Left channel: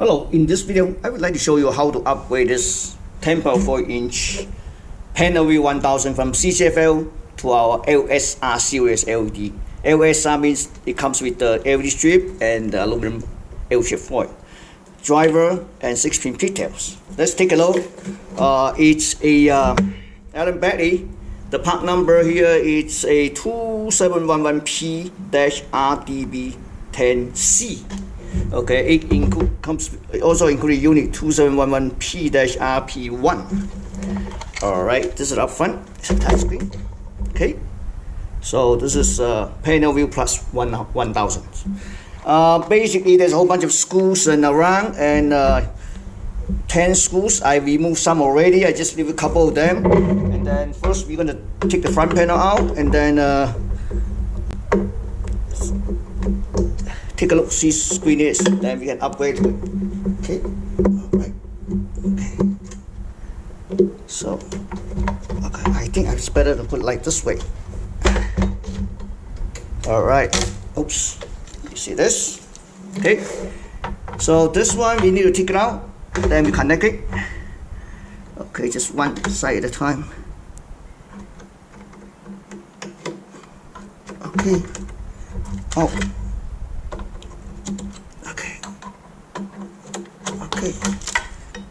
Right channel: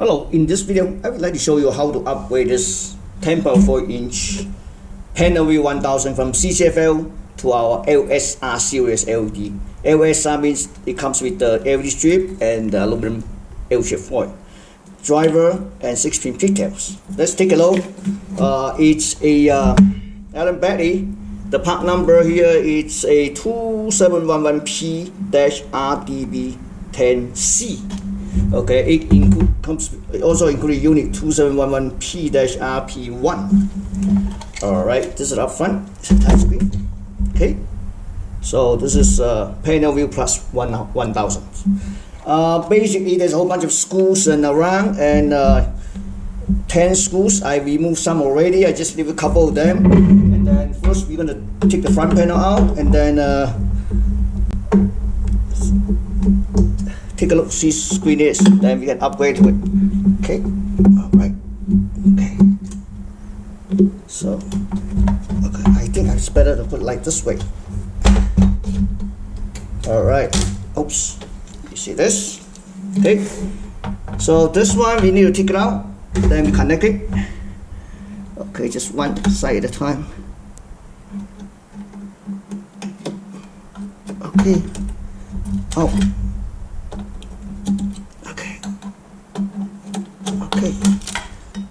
Hello, in this video I would like to show you how to upgrade this 10.4-inch PanelView 1000 from CCFL to our LSR series LED. LSR means it comes with the LED strip and the aluminum L-shaped foil, driver and 6-pin pigtails. Let's take a look. It's a Allen battery. The part number here is a 2711P-RDB10C. Okay, it also includes unit 2711P-RP1. All right, this is up front. It's a touch screen. Okay, so this is PanelView Plus 1000. Basically, there's a whole bunch of screws and around, and 10 screws. I removed some already. I just leave a couple of them. And then first, we're gonna take the front panel out, and then take a look, see screen is, then we can upgrade to it. Okay, all right, okay. So, okay, I think it's better to put it like this way. All right, oops, you see this? Okay, so this one, we need to take it out, then we connect it. Okay, just one side at a time. Okay, oh. Okay,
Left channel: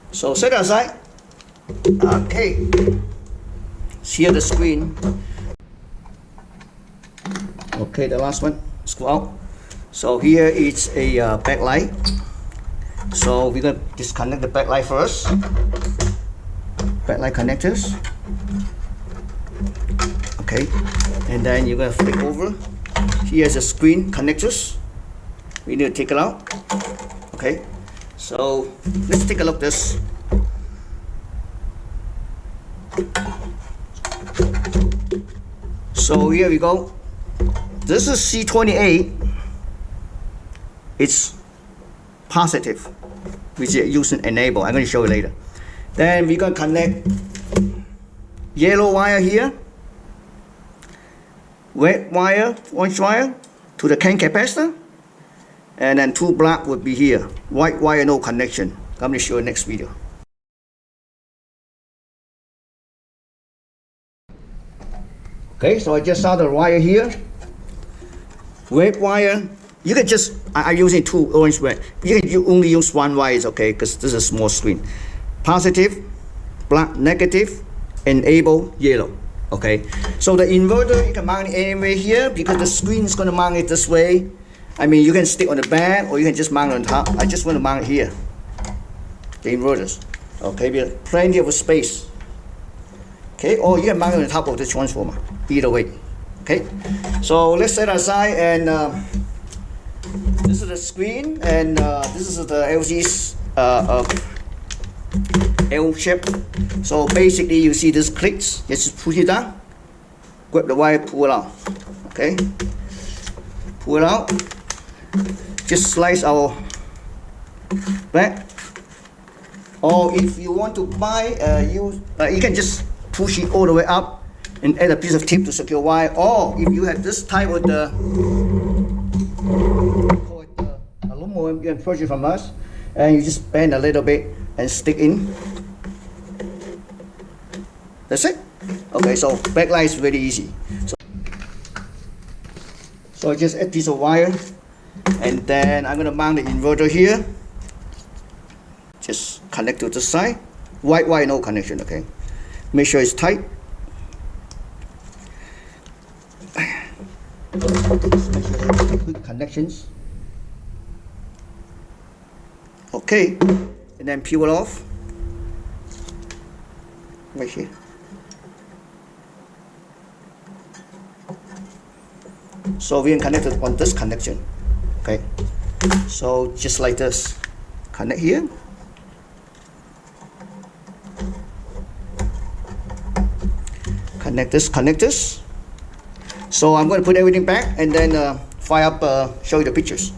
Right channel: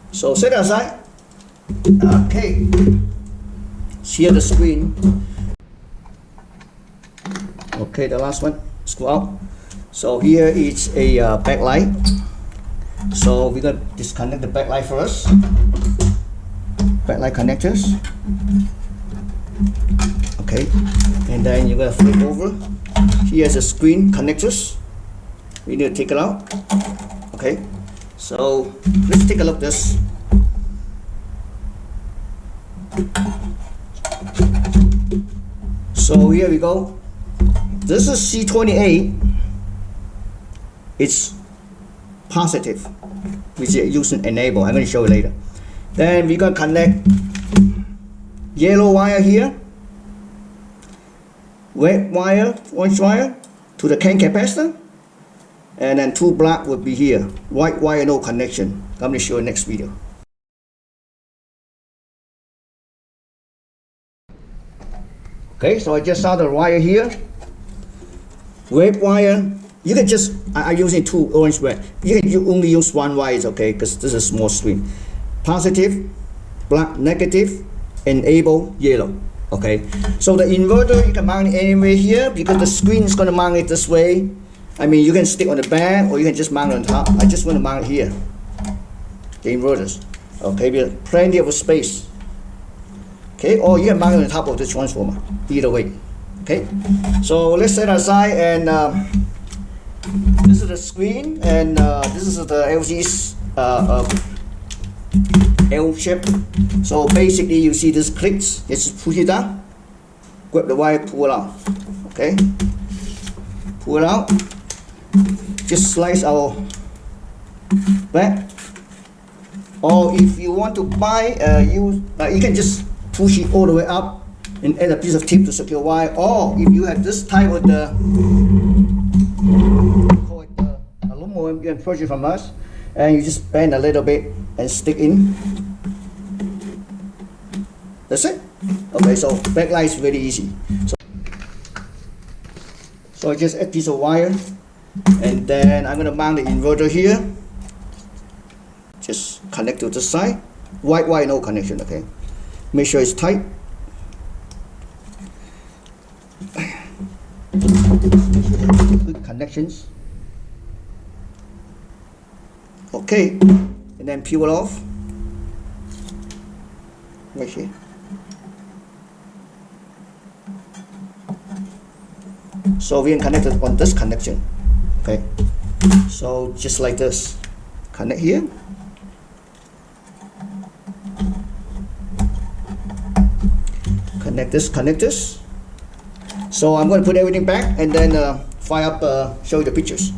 so set it aside. Okay, here the screen. Okay, the last one, screw out. So here is a backlight. So we're gonna disconnect the backlight first. Backlight connectors. Okay, and then you're gonna flip over. Here's the screen connectors. We need to take it out. Okay. So let's take a look at this. So here we go. This is C28. It's positive, which is using enable. I'm going to show you later. Then we're going to connect yellow wire here, red wire, orange wire to the can capacitor. And then 2 black would be here. White wire, no connection. I'm going to show you next video. Okay, so I just saw the wire here. Red wire, you can just, I'm using 2 orange red. You can only use 1 wire, is okay, because this is a small screen. Positive, black, negative, enable, yellow. Okay, so the inverter, you can mount it anywhere here because the screen is going to mount it this way. I mean, you can stick on the back or you can just mount it on top. I just want to mount it here, the inverters. Okay, we have plenty of space. Okay, or you can mount it on top of the transformer, either way. Okay, so let's set aside, and this is the screen, and this is the LG's L shape. So basically, you see this clicks, just push it down, grab the wire, pull it out. Okay, pull it out. Just slice our back, or if you want to buy, you can just push it all the way up and add a piece of tip to secure wire. Or if you have this type of the, call it the aluminum, you can purchase from us, and you just bend a little bit and stick in. That's it. Okay, so backlight is really easy. So I just add a piece of wire. And then I'm going to mount the inverter here. Just connect to the side. White wire, no connection, okay? Make sure it's tight. Make sure it's good connections. Okay, and then peel it off. Right here. So we can connect it on this connection. Okay, so just like this, connect here, connect this. So I'm going to put everything back and then fire up, show you the pictures.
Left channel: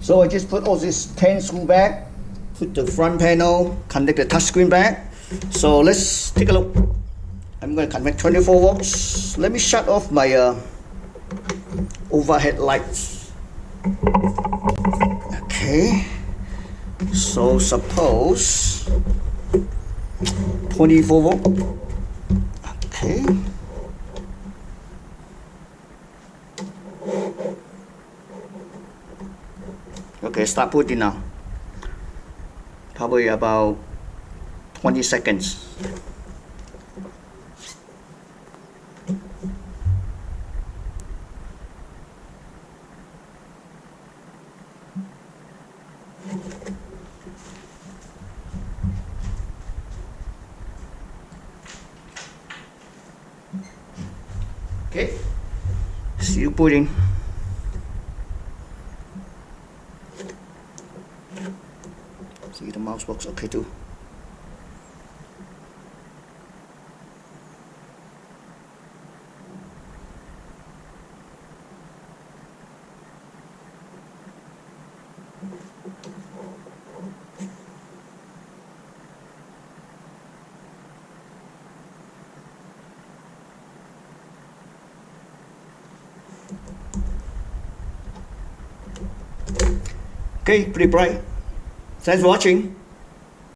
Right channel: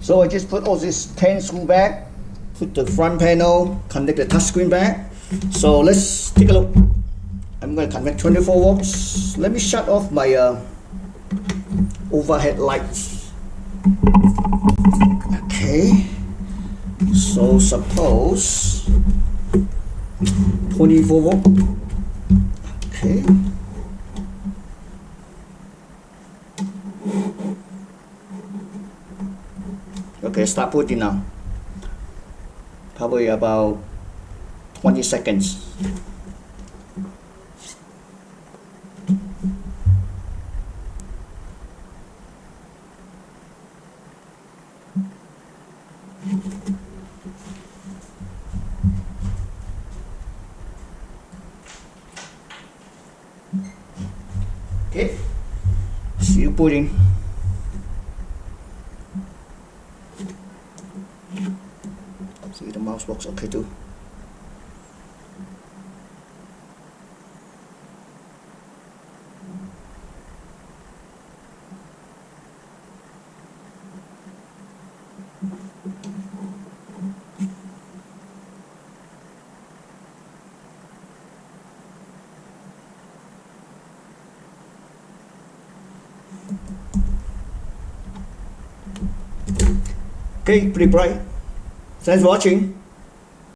So I just put all this 10 screw back, put the front panel, connect the touchscreen back. So let's take a look. I'm going to connect 24 volts. Let me shut off my overhead lights. Okay, So suppose 24 volt. Okay. Okay, start putting now. Probably about 20 seconds. Okay, see you putting. See the mouse works okay too. Okay, pretty bright. Thanks for watching.